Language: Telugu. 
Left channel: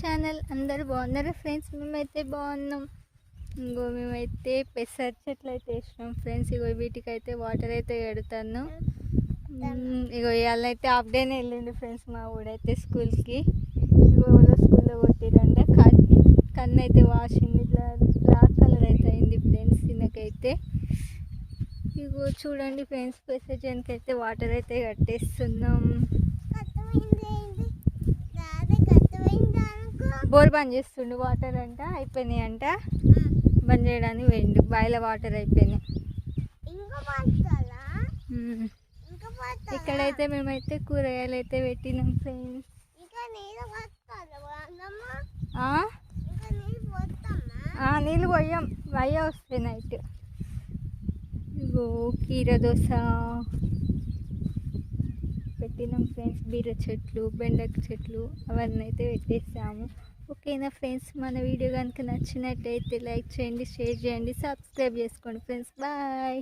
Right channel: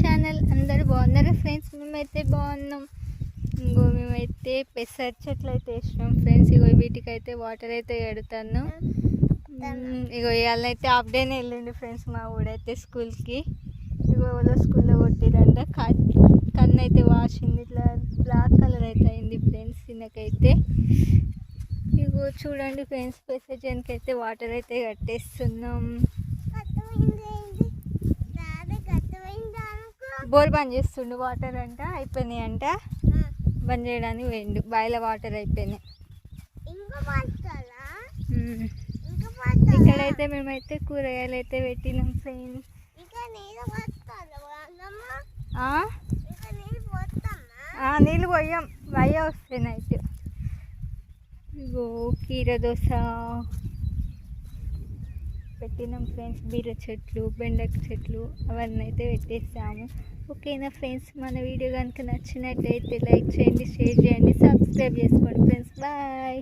ఛానల్. అందరు బాగున్నారా ఫ్రెండ్స్? మేమైతే బాగున్నాం. ఇంకో మేమైతే పెసర చెట్లు అయితే వేసినాం ఫ్రెండ్స్. ఇగో వీటికైతే వాటర్ అయితే ఎడతాను. ఇగో ఇవాళ అయితే హాఫ్ డేనే వెళ్ళిండు ఫ్రెండ్స్ మా ఊడైతే స్కూల్కి. ఇగో ఎవరో స్కూల్లో కొట్టిరంట. కన్ను అయితే వాసింది, ఇట్లా బ్లాక్ కలర్ అయితే అయింది ఫ్రెండ్స్ తినకైతే. ఇగో చూడండి ఫ్రెండ్స్, పెసర చేనుకి అయితే వాటర్ అయితే కట్టేస్తున్నాం. బోర్ బంద్ చేస్తుండు, వాటర్ అంట అయిపోయినాయి అంట, బంద్ చేయడానికి పోయిండు. బాయిల వాటర్ అయిపోయినాయి. ఇక్కడైతే మేమైతే కూరగాయలు అయితే పెట్టినాం ఫ్రెండ్స్. నీళ్ళు పోయాం, వయ్య వస్తాయి నైట్. ఇగో కీర దోశ పెట్టినాం ఫ్రెండ్స్. బీర చెట్లు, బెండక చెట్లు అవన్నీ అయితే పెట్టేసాము. ఓకేనా ఫ్రెండ్స్, మన వీడియో కనుక నచ్చినట్టయితే లైక్ చేయండి, షేర్ చేయండి, సబ్స్క్రైబ్ చేసుకోండి ఫ్రెండ్స్. బాయ్.